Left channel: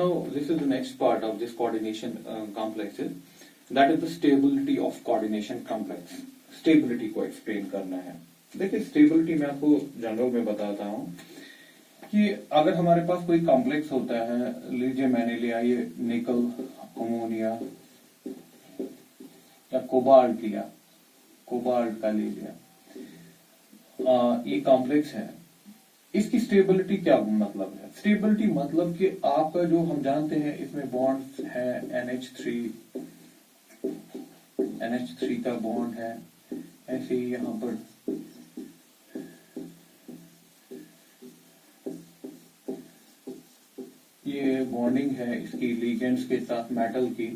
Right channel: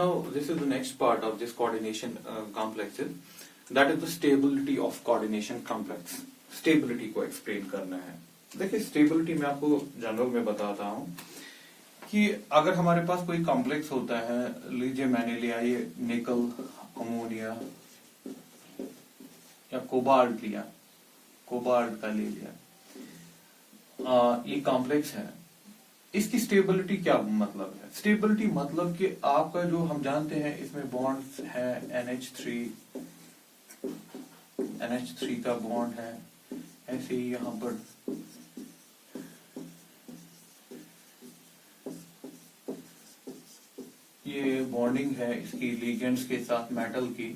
Now, this is the next part of this coordination complexes. That is the stability of coordination complex. Stability को explain करना है. देखिए stability मैं आपको general में बताता हूँ कि अगर हमारे पास कोई कॉम्प्लेक्स होता है, लीजिए मैंने लिया ये निकल अमोनिया या कोबाल्ट लिया, कोबाल्ट का ले लिया, ये कॉम्प्लेक्स है. इसकी स्टेबिलिटी क्या मतलब है? स्टेबिलिटी मतलब कि आपका जो हम जानते हैं इसमें बॉन्ड है NH3 का बॉन्ड है, ऐसे ही यहां पर ये बॉन्डिंग है इसकी लिगेंड्स के साथ मेटल की.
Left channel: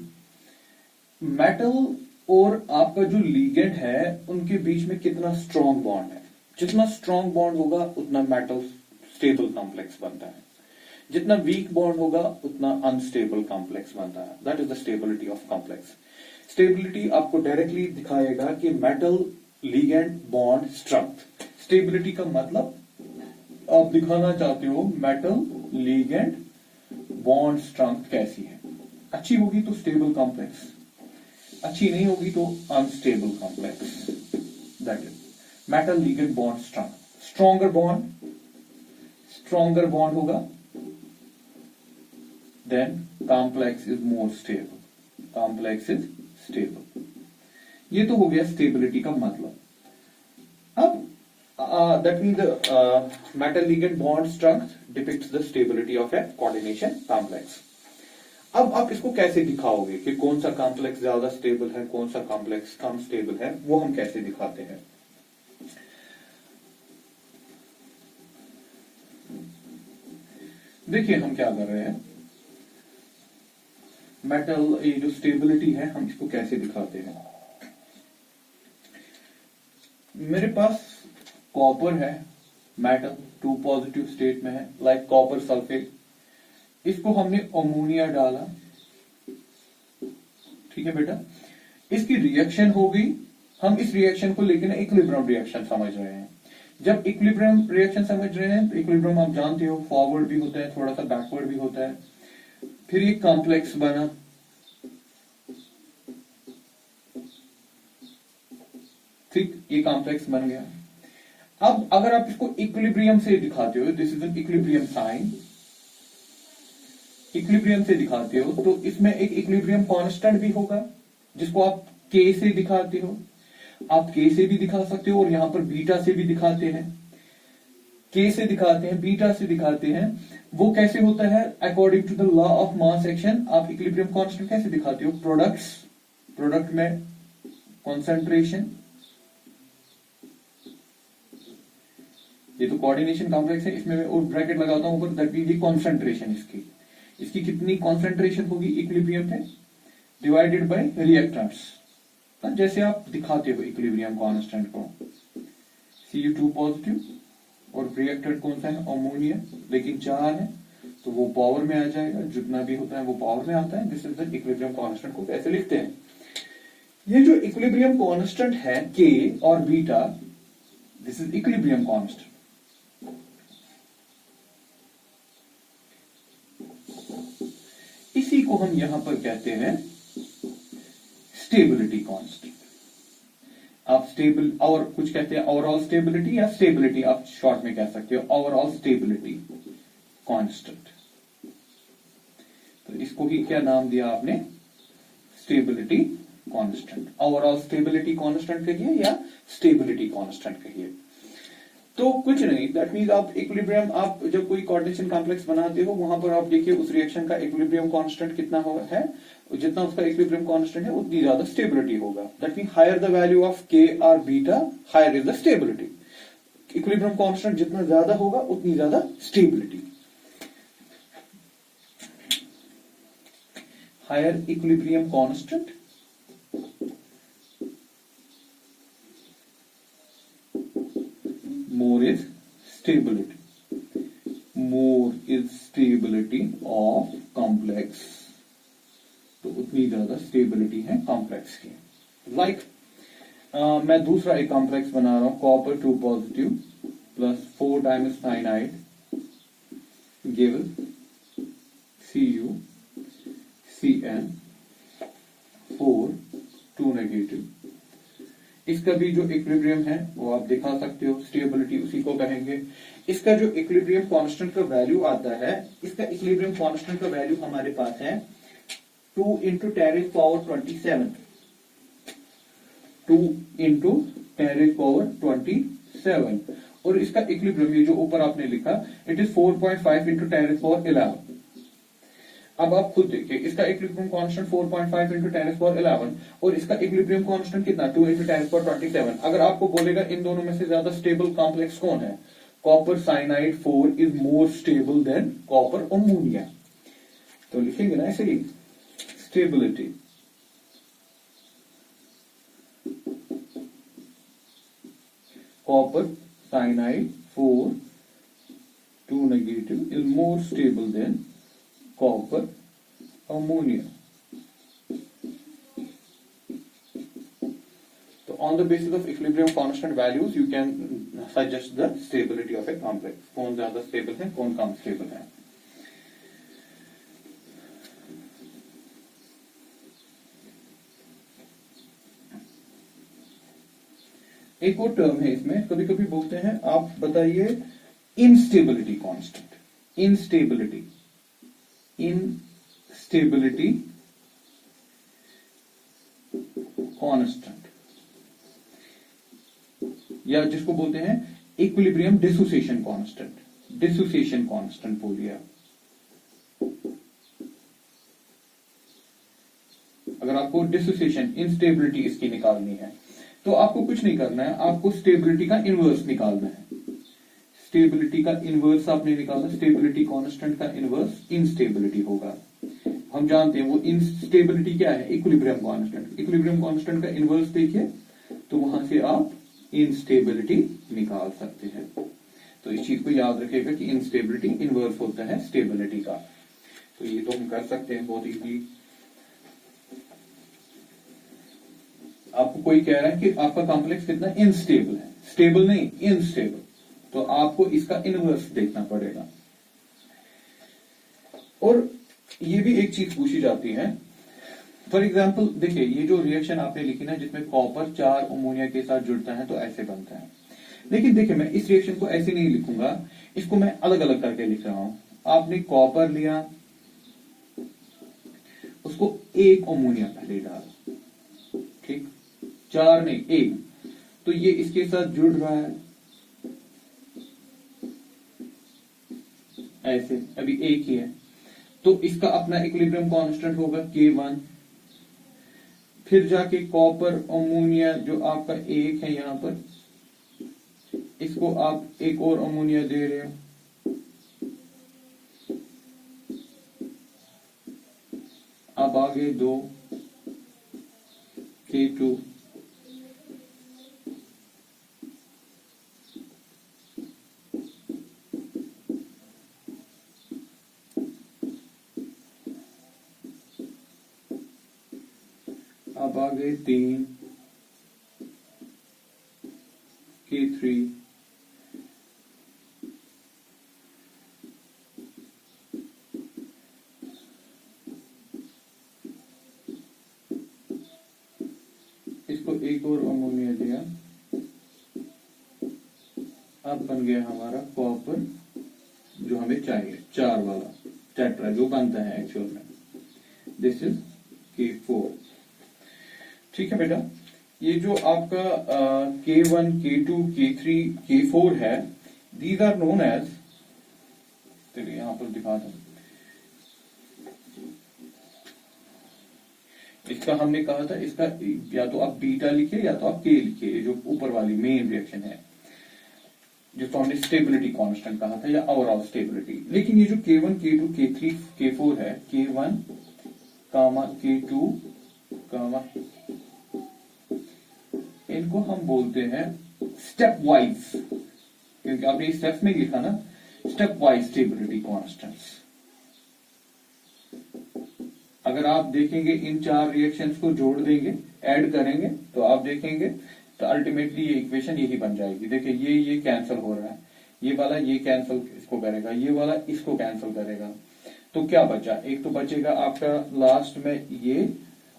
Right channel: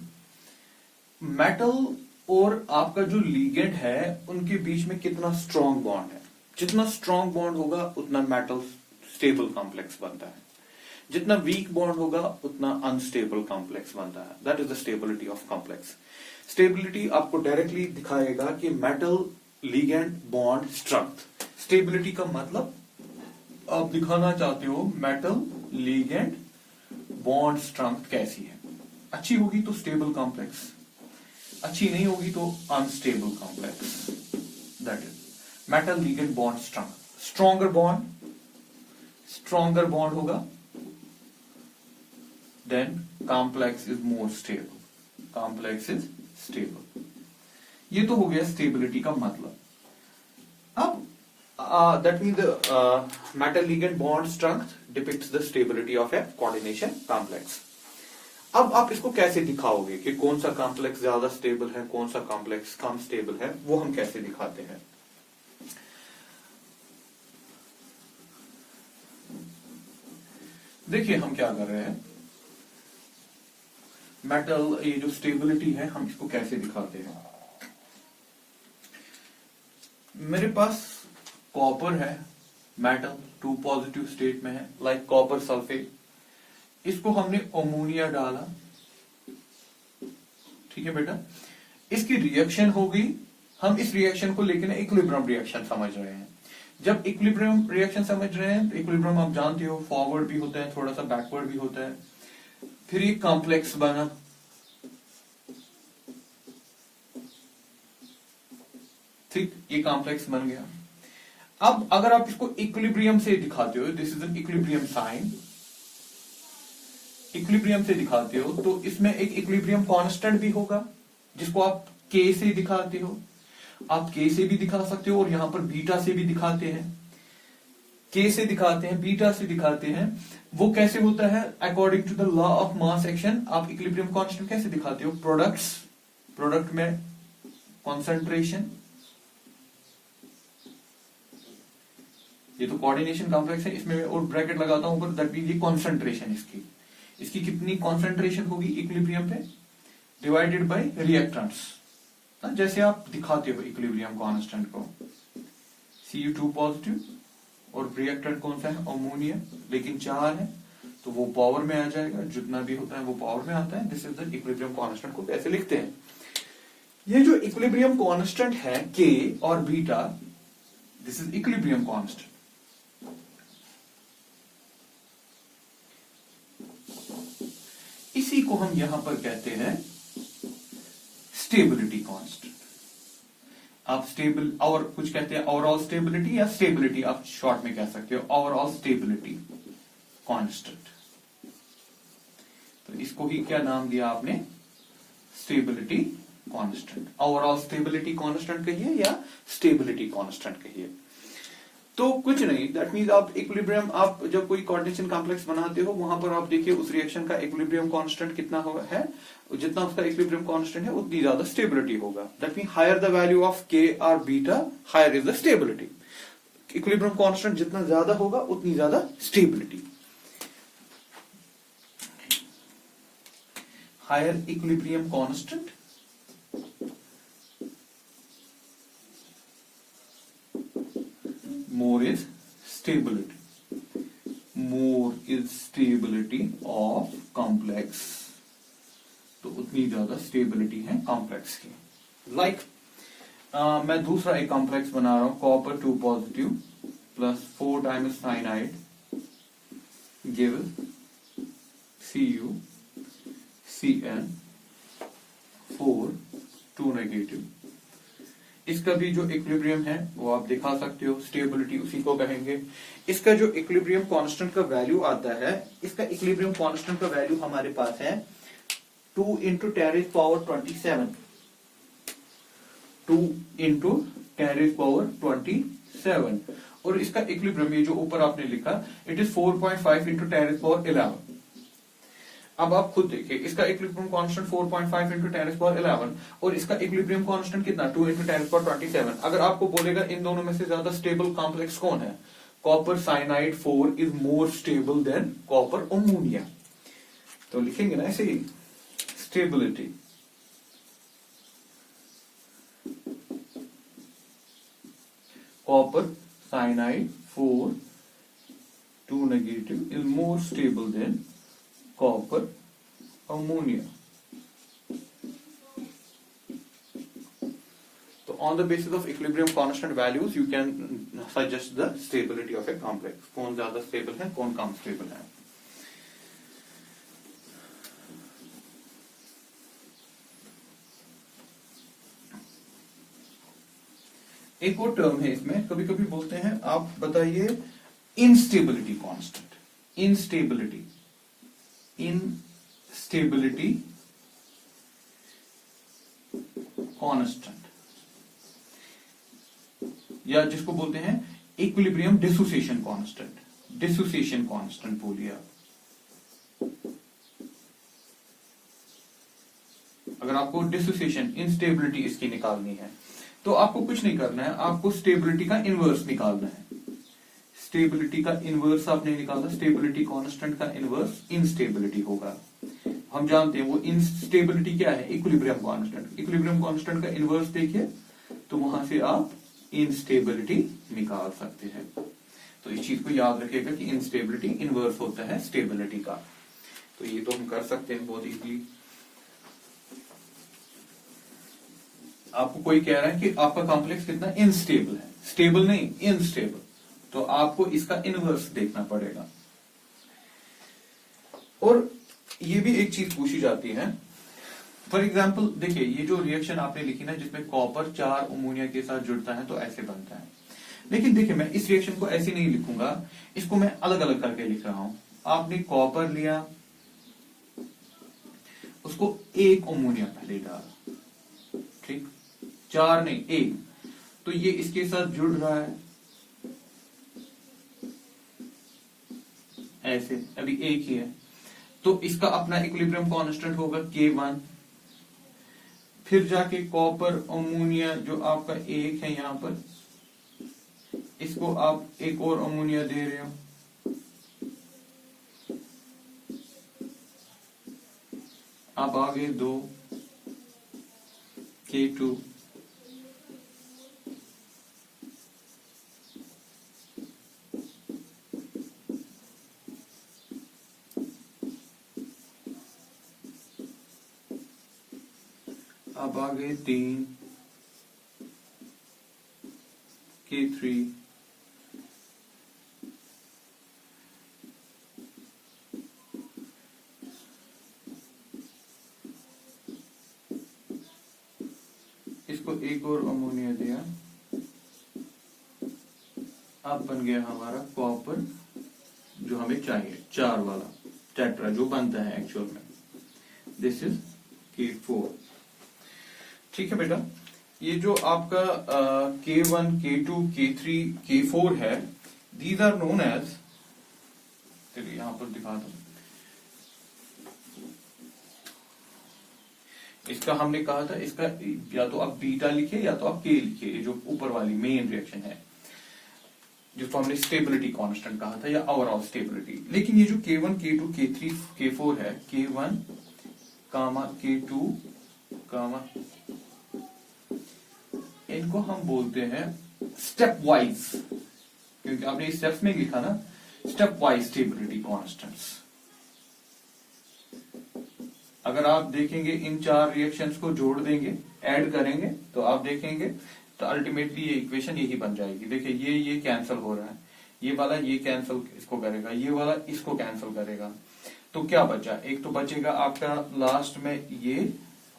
मेटल और आपका जो लिगेंड है उनके बीच में कितना स्ट्रॉन्ग बॉन्ड है. जितना स्ट्रॉन्ग बॉन्ड होगा उतना मेटल स्टेबल कॉम्प्लेक्स बनता है, जितना वीक बॉन्ड होगा उतना अनस्टेबल कॉम्प्लेक्स बनता है. That is the stability of complex. Stability आपको डायरेक्टली दिखाएगा कि metal ligand bond strength. Stability का मतलब आप दिखाना चाहते हो मेटल लिगेंड बॉन्ड स्ट्रेंथ कैसी है. अच्छी होगी तो स्टेबल कॉम्प्लेक्स, अच्छी नहीं होगी तो unstable complex. That is metal ligand bond strength. Stronger bond होगा then complex is more stable. Complex is stable. ये तो हो गया स्टेबिलिटी का मतलब. अब that means the metal ligand bond strength depicts the stability of a coordination complex. अब आप इसको कैसे दिखाओगे कि कौन सा कॉम्प्लेक्स ज्यादा स्टेबल है, कौन सा कॉम्प्लेक्स कम स्टेबल है, वो हम कैसे दिखाते हैं. देखिए हम क्या कर रहे हैं, मेटल ये जो स्टेबिलिटी है हम इसको कैसे दिखाते हैं. मेरे पास कॉपर है, मेटल 2 पॉजिटिव स्टेट में है, लाइक कॉपर सल्फेट. इसको हमने अमोनिया डाला, ठीक है बेटा. इसकी रिएक्शन होगी, हम इस रिएक्शन को लेकर इक्विलिब्रियम रिएक्शन समझ रहे हैं. जब इक्विलिब्रियम रिएक्शन समझ रहे हैं तो इक्विलिब्रियम आप जानते हो फॉरवर्ड भी होता है, थोड़ा सा बैकवर्ड भी होता है. फिर ये कॉम्प्लेक्स बना, ठीक, ये कॉम्प्लेक्स बन गया. अब अगर आप इसको इक्विलिब्रियम से दिखाते हो, this is an equilibrium sign, equilibrium से दिखाते हो तो इसमें एक इक्विलिब्रियम कांस्टेंट भी होगा जिसको आप के से दिखाते हो. आप के से भी दिखा सकते हो और यहां पर बीटा से भी दिखाते हैं. के से दिखाते हैं, बीटा से दिखाते हैं. वो कैसे होता है? According to the law of mass action आप इक्विलिब्रियम कांस्टेंट कैसे दिखाते हो? प्रोडक्ट में कॉन्सेंट्रेशन, ये तो कोऑर्डिनेशन कॉम्प्लेक्स है, इसमें और ब्रैकेट लगाता हूं ऊपर, दैट मींस ये कॉन्सेंट्रेशन इसकी कितनी कॉन्सेंट्रेशन होगी इक्विलिब्रियम पे, डिवाइडेड बाय रिएक्टेंट्स. जैसे आप दिखाते हो इक्विलिब्रियम कांस्टेंट को, Cu2 पॉजिटिव और रिएक्टेंट कौन सा है? अमोनिया, लेकिन 4 है तो वो पावर में आ जाएगा, जितना भी होता है वो पावर में आता है. This is the equilibrium constant को कैसे लिखते हैं. ये जो इक्विलिब्रियम कांस्टेंट है के और beta, this is equilibrium constant. इसी को हम यहां पर कहते हैं स्टेबिलिटी कांस्टेंट. आप स्टेबल और कुछ कहते हैं ओवरऑल स्टेबिलिटी या स्टेबिलिटी, आप शॉर्ट में कह सकते हो ओवरऑल स्टेबिलिटी कांस्टेंट. तो इसको ही क्या नाम दिया आपने? Stability constant. Overall stability constant कहिए या स्टेबिलिटी कांस्टेंट कहिए. तो कुछ नहीं, दैट मींस आप इक्विलिब्रियम, आप जब कोई कोऑर्डिनेशन कॉम्प्लेक्स बनाते हो वहां पर आप देखिए उस रिएक्शन का इक्विलिब्रियम कांस्टेंट कितना है, जितना उसका इक्विलिब्रियम कांस्टेंट है उतनी ज्यादा स्टेबिलिटी होगा. That means higher the value of K और beta, higher is the stability. Equilibrium constant जितना ज्यादा होगा उतनी ज्यादा stability. Higher equilibrium constant, more is stability of complex. तो उतनी ज्यादा स्टेबिलिटी है कॉम्प्लेक्स की. लाइक मैं दूसरा एक कॉम्प्लेक्स बना रहा हूं, copper 2 positive plus 4 times cyanide give CuCN4 2 negative. इसका भी जो इक्विलिब्रियम है वो आप दिखा सकते हो, स्टेबिलिटी उसी को कहेंगे। इसका जो इक्विलिब्रियम कांस्टेंट का वैल्यू आता है, इसका इक्विलिब्रियम कांस्टेंट का वैल्यू हमारे पास है 2 × 10⁻27, 2 × 10⁻27। और इसका इक्विलिब्रियम, ये जो ऊपर आपने लिखा, इट इज 4.5 × 10⁻11। अब आप खुद देखिए, इसका इक्विलिब्रियम कांस्टेंट 4.5 × 10⁻11 और इसका इक्विलिब्रियम कांस्टेंट कितना, 2 × 10⁻27। अगर आपको बोलेगा इन दोनों में से ज्यादा स्टेबल कॉम्प्लेक्स कौन है, copper cyanide 4 is more stable than copper ammonia. तो लिखेंगे ना ऐसे ही, stability copper cyanide 4 2 negative is more stable than copper ammonia. So on the basis of equilibrium constant values you can suggest the stability of a complex, कौन ज्यादा stable है, कौन कम stable है। एक और टर्म है इसमें, कभी कभी बोलते हैं, आप बताइए इंस्टेबिलिटी कांस्टेंट। इंस्टेबिलिटी कांस्टेंट, या जिसको बोलते हैं equilibrium dissociation constant. Dissociation constant बोलिए आप। अगर आपको डिसोसिएशन, इंस्टेबिलिटी इसकी निकालनी है तो आपको कुछ नहीं करना है, आपको स्टेबिलिटी का इनवर्स निकालना है। स्टेबिलिटी का इनवर्स आपने निकाला, स्टेबिलिटी कांस्टेंट का इनवर्स इनस्टेबिलिटी होगा। हम जानते हैं वो इनस्टेबिलिटी क्या है, इक्विलिब्रियम कांस्टेंट। इक्विलिब्रियम कांस्टेंट का इनवर्स देखिए तो वहां से आप इनस्टेबिलिटी निकाल सकते हैं। तो इस चीज को याद रखिएगा कि इनस्टेबिलिटी इनवर्स होता है स्टेबिलिटी का। तो ये तो हम कर सकते हैं बहुत इजीली। आपको कोई कह रहा है कि आपका कॉम्प्लेक्स कितना इनस्टेबल है, स्टेबल नहीं, इनस्टेबल, तो आपको इसका इनवर्स देखना पड़ेगा। और ये भी एक चीज पूछी जाती है, फॉर एग्जाम्पल देखिए, ये जो रिएक्शन आपने लिखी ना जिसमें कॉपर 4 अमोनिया के साथ जुड़ता है तो ऐसे बनता है। लेकिन देखिए मैं इस रिएक्शन को ऐसे नहीं लिखूंगा, इसको मैं अलग अलग करके लिख रहा हूं। आपने कॉपर लिया, उसको 1 अमोनिया पहले डाला, ठीक, 4 नहीं 1, तो ये इसके साथ जुड़ रहा है ऐसे, अभी एक ही है, तो इसका अपना इक्विलिब्रियम कांस्टेंट होगा K1। फिर जाके कॉपर अमोनिया जो आपका 1 है यहां पर, इसको आप एक और अमोनिया दे रहे हो, अब आगे 2 K2, अब आ गए 3 K3, इसको एक और अमोनिया दिया, अब बन गया हमारा कॉपर जो हमें चाहिए, 4 वाला टेट्रा जो बनता है एक्चुअल में। This is K4। ठीक है बेटा, ये जो आपका K1, K2, K3, K4 है, दीज आर नोन एज, चलिए यहां पर दिखा दो, इसका हमने कहा था, इसका या तो आप बीटा लिखिए या तो आप K लिखिए, जो ऊपर वाली मेन रिएक्शन है जिसको हमने स्टेबिलिटी कांस्टेंट कहा था या ओवरऑल स्टेबिलिटी। लेकिन ये जो K1, K2, K3, K4 है, K1, K2, इनको हम बोलते हैं स्टेप वाइज, क्योंकि आपने इस स्टेप्स में लिखा ना, स्टेप वाइज स्टेबिलिटी कांस्टेंट्स। अगर आप देखेंगे इन 4 रिएक्शंस को जोड़ देंगे, ऐड करेंगे, तो आप देखेंगे तो अल्टीमेटली ये इक्वेशन यही बन जाएगी। देखिए ये कैंसिल हो रहा है, ये वाला ये कैंसिल इसको करेगा, ये वाला इसको कैंसिल करेगा, तो क्या बचा, एक तो बचेगा आपका लास्ट में ये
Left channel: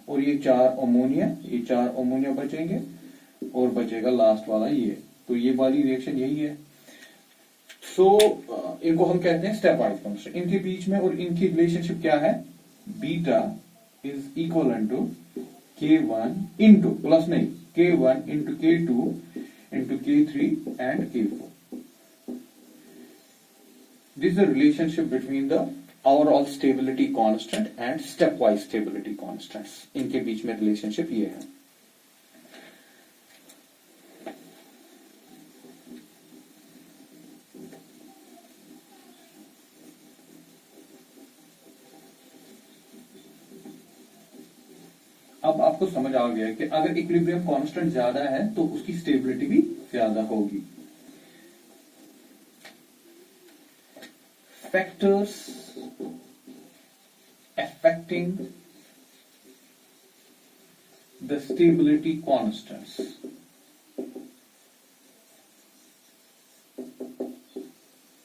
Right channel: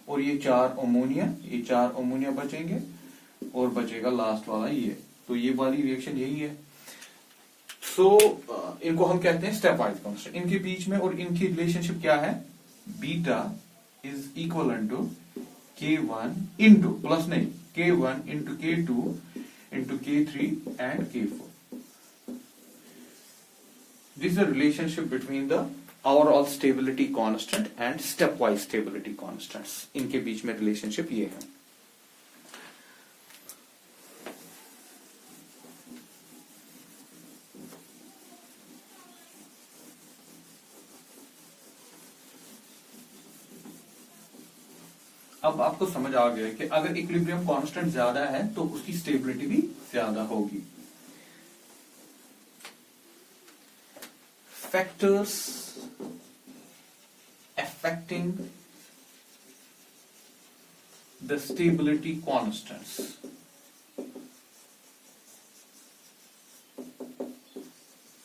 और ये 4 अमोनिया, ये 4 अमोनिया बचेंगे और बचेगा लास्ट वाला ये। तो ये वाली रिएक्शन यही है। सो इनको हम कहते हैं स्टेप वाइज कांस्टेंट। इनके बीच में और इनकी रिलेशनशिप क्या है, beta is equal to K1 into plus नहीं K1 into K2 into K3 and K4। This is the relationship between the overall stability constant and step wise stability constants. इनके बीच में रिलेशनशिप ये है। अब आपको समझ आ गया है कि अगर इक्विलिब्रियम कांस्टेंट ज्यादा है तो उसकी स्टेबिलिटी भी ज्यादा होगी। Factors affecting the stability constants.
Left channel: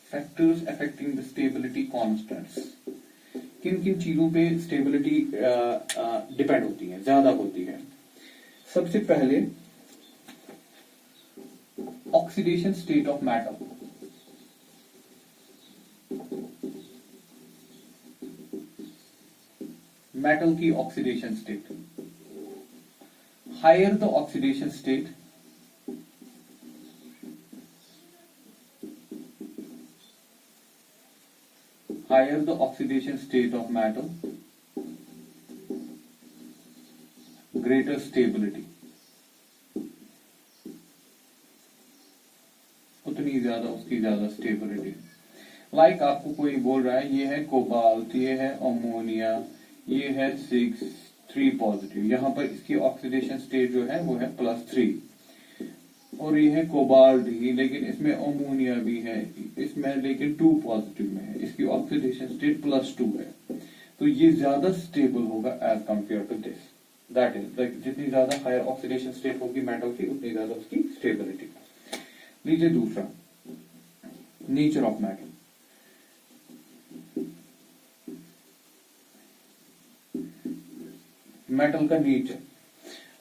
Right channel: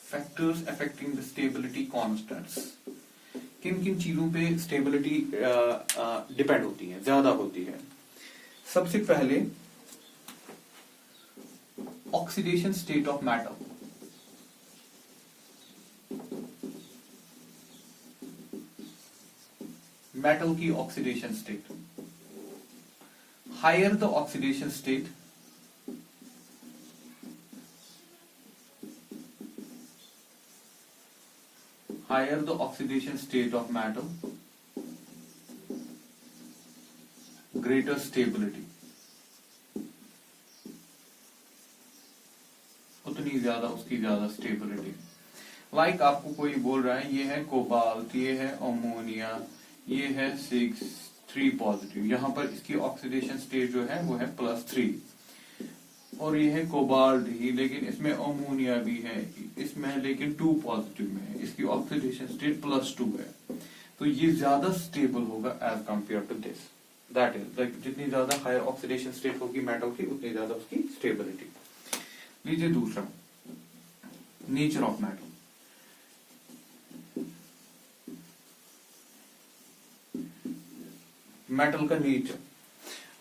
Factors affecting the stability constants. किन किन चीजों पे स्टेबिलिटी डिपेंड होती है, ज्यादा होती है। सबसे पहले oxidation state of metal. Metal की oxidation state, higher the oxidation state higher the oxidation state of metal, greater stability, उतनी ज्यादा उसकी ज्यादा स्टेबिलिटी। लाइक आपको कोई बोल रहा है ये है कोबाल्ट, ये है अमोनिया, ये है 6 पॉजिटिव, यहां पर इसकी ऑक्सीडेशन स्टेट जो है वो है +3, और ये है कोबाल्ट ही लेकिन इसमें अमोनिया भी है, इसमें लेकिन 2 पॉजिटिव में है, इसकी ऑक्सीडेशन स्टेट +2 है। तो ये ज्यादा स्टेबल होगा as compare to this. That is like जितनी ज्यादा हायर ऑक्सीडेशन स्टेट होगी मेटल की उतनी ज्यादा उसकी स्टेबिलिटी। लीजिए दूसरा, नेचर ऑफ मेटल। मेटल का नेचर,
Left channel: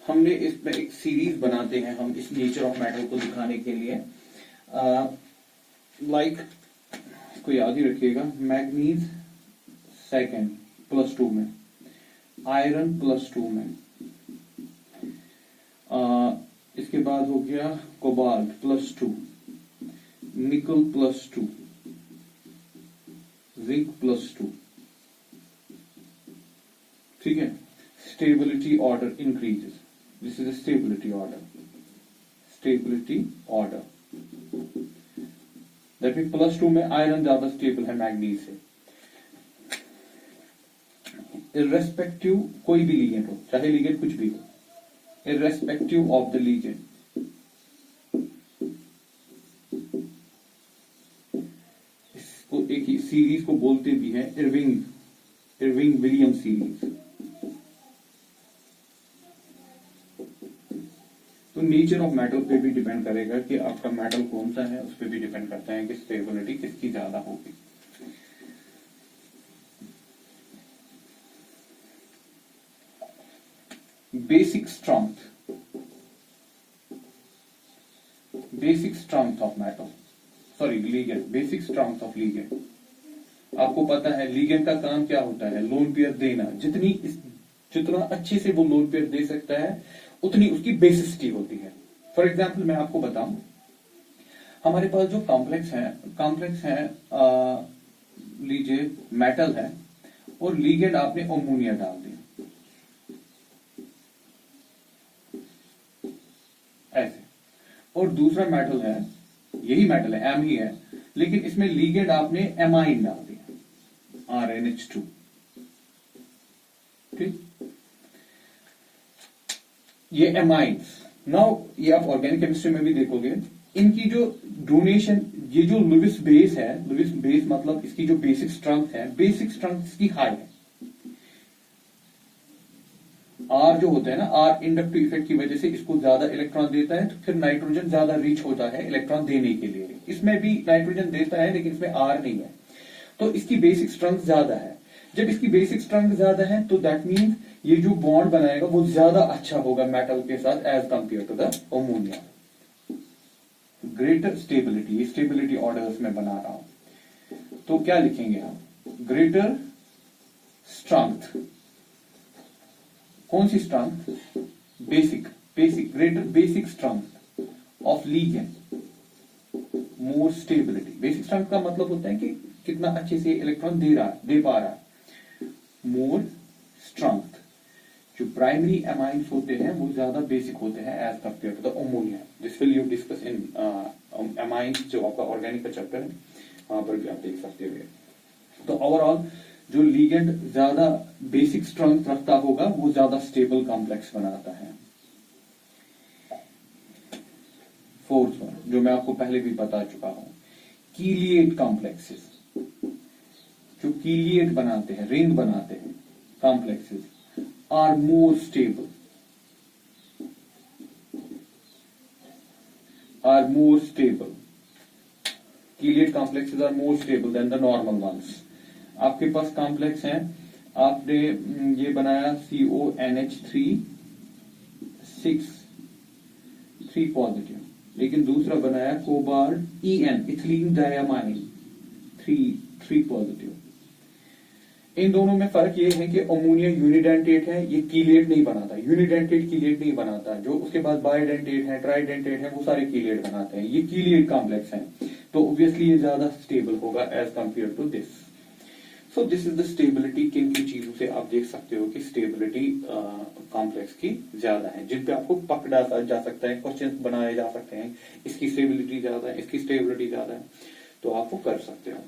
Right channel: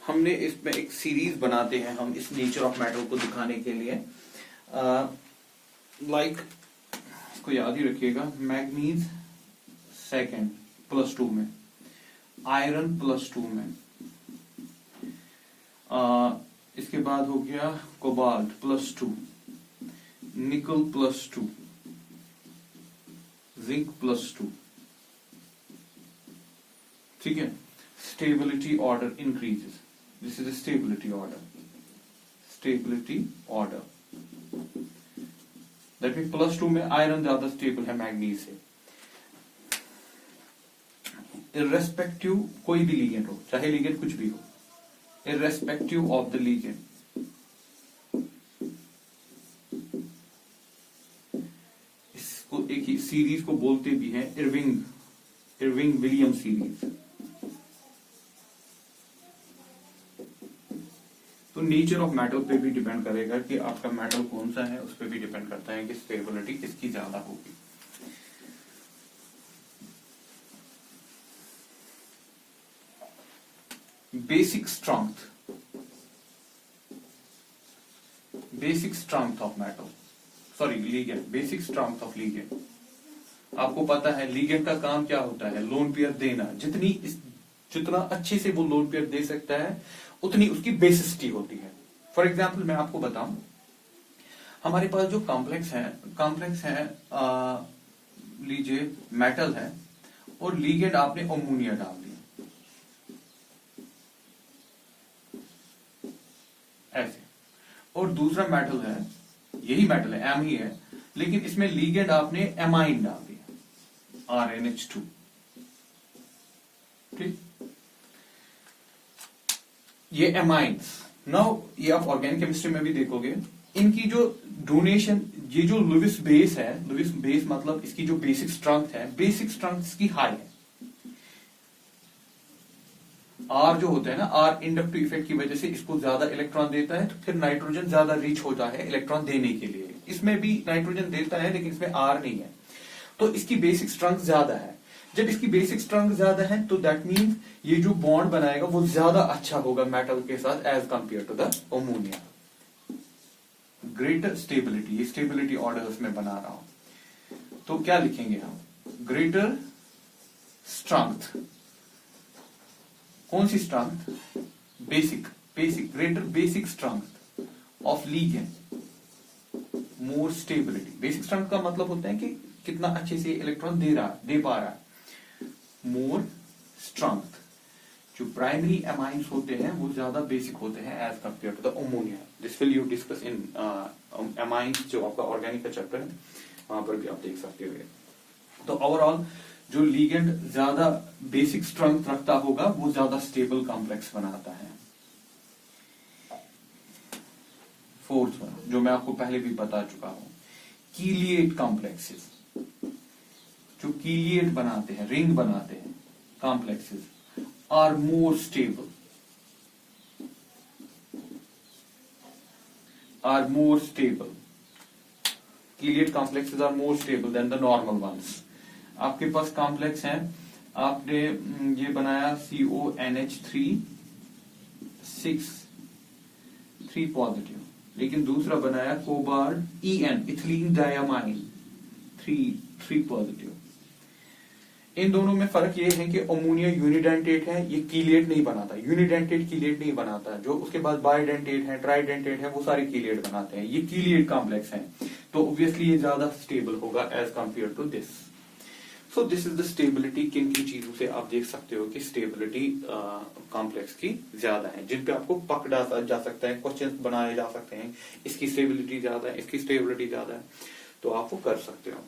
हमने इसमें एक सीरीज बनाते हैं हम इस नेचर ऑफ मेटल को दिखाने के लिए। लाइक इसको याद ही रखिएगा, मैग्नीज सेकंड +2 में, आयरन +2 में, इसके बाद हो गया कोबाल्ट +2, निकल +2, जिंक +2। ठीक है, stability order increases. This is a stability order. Stability order. That means +2 में आयरन ज्यादा स्टेबल है मैग्नीज से। इर्रेस्पेक्टिव कोई भी लीगेंड हो, चाहे लीगेंड कुछ भी हो, इर्रेस्पेक्टिव ऑफ द लीगेंड, इसको एक ही सीरीज को बोलते भी हैं इरविंग विलियम सीरीज। तो नेचर ऑफ मेटल पे भी डिपेंड करेगा कि आपका मेटल कौन सा है, उस पर भी डिपेंड करता है कि स्टेबिलिटी किसकी ज्यादा होगी। Basic strength of metal, sorry ligand, basic strength of ligand. आपको पता है लीगेंड का काम क्या होता है, लोन पेयर देना। जितना अच्छे से वो लोन पेयर दे सकता है उतनी उसकी बेसिसिटी होती है। फॉर एग्जाम्पल मैं आपको बताऊं, हमारे पास जो कॉम्प्लेक्स है लीजिए मेटल है और लीगेंड आपने अमोनिया डाल दिया ऐसे, और दूसरा मेटल है, यही मेटल है, एम ही है, लेकिन इसमें लीगेंड आपने एमाइन डाल दिया RnH2। ठीक, ये एमाइंस। नाउ ये आप ऑर्गेनिक केमिस्ट्री में भी देखोगे, इनकी जो डोनेशन, ये जो लुईस बेस है, लुईस बेस मतलब इसकी जो बेसिक स्ट्रेंथ है, बेसिक स्ट्रेंथ इसकी हाई है। आर जो होता है ना, आर इंडक्टिव इफेक्ट की वजह से इसको ज्यादा इलेक्ट्रॉन देता है, तो फिर नाइट्रोजन ज्यादा रिच होता है इलेक्ट्रॉन देने के लिए। इसमें भी नाइट्रोजन देता है लेकिन इसमें आर नहीं है, तो इसकी बेसिक स्ट्रेंथ ज्यादा है। जब इसकी बेसिक स्ट्रेंथ ज्यादा है तो दैट मीन्स ये जो बॉन्ड बनाएगा वो ज्यादा अच्छा होगा मेटल के साथ as compare to the ammonia. Greater stability, ये स्टेबिलिटी ऑर्डर्स में बना रहा हूं, तो क्या लिखेंगे हम? ग्रेटर स्ट्रेंथ, कौन सी strength? Basic, greater basic strength of ligand, more stability. Basic strength का मतलब होता है कि कितना अच्छे से इलेक्ट्रॉन दे पा रहा है। मोर स्ट्रेंथ, जो प्राइमरी एमाइंस होते हैं वो ज्यादा बेसिक होते हैं as compare to the ammonia. This will you discuss in amines, जो आपका ऑर्गेनिक का चैप्टर है वहां पर भी आप देख सकते हो। तो ओवरऑल जो लिगेंड ज्यादा बेसिक स्ट्रेंथ रखता होगा वो ज्यादा स्टेबल कॉम्प्लेक्स बनाता है। फोर्थ वन, जो मैं आपको पहले भी बता चुका हूं, कीलिएट कॉम्प्लेक्सेस, जो कीलिएट बनाते हैं, रिंग बनाते हैं complexes, are more stable, chelate complexes are more stable than the normal ones. आपके पास कॉम्प्लेक्स है, आपने ये बनाया CONH3 6 पॉजिटिव, लेकिन दूसरा बनाया cobalt EN ethylene diamine 3 positive. इन दोनों में फर्क ये है कि अमोनिया यूनिडेंटेट है, ये कीलेट नहीं बनाता, यूनिडेंटेट कीलेट नहीं बनाता। जो उसके बाद बाइडेंटेट है, ट्राइडेंटेट है, वो सारे कीलेट बनाते हैं, ये कीलेट कॉम्प्लेक्स है, तो ऑब्वियसली ये ज्यादा स्टेबल होगा as compare to this. So this is the stability. किन किन चीजों से आप देख सकते हो कि स्टेबिलिटी कॉम्प्लेक्स की ज्यादा है, जिन पे आपको पकड़ा जा सकता है, क्वेश्चन बनाए जा सकते हैं, इसकी स्टेबिलिटी ज्यादा है, इसकी स्टेबिलिटी ज्यादा है, तो आप वो कर सकते हो।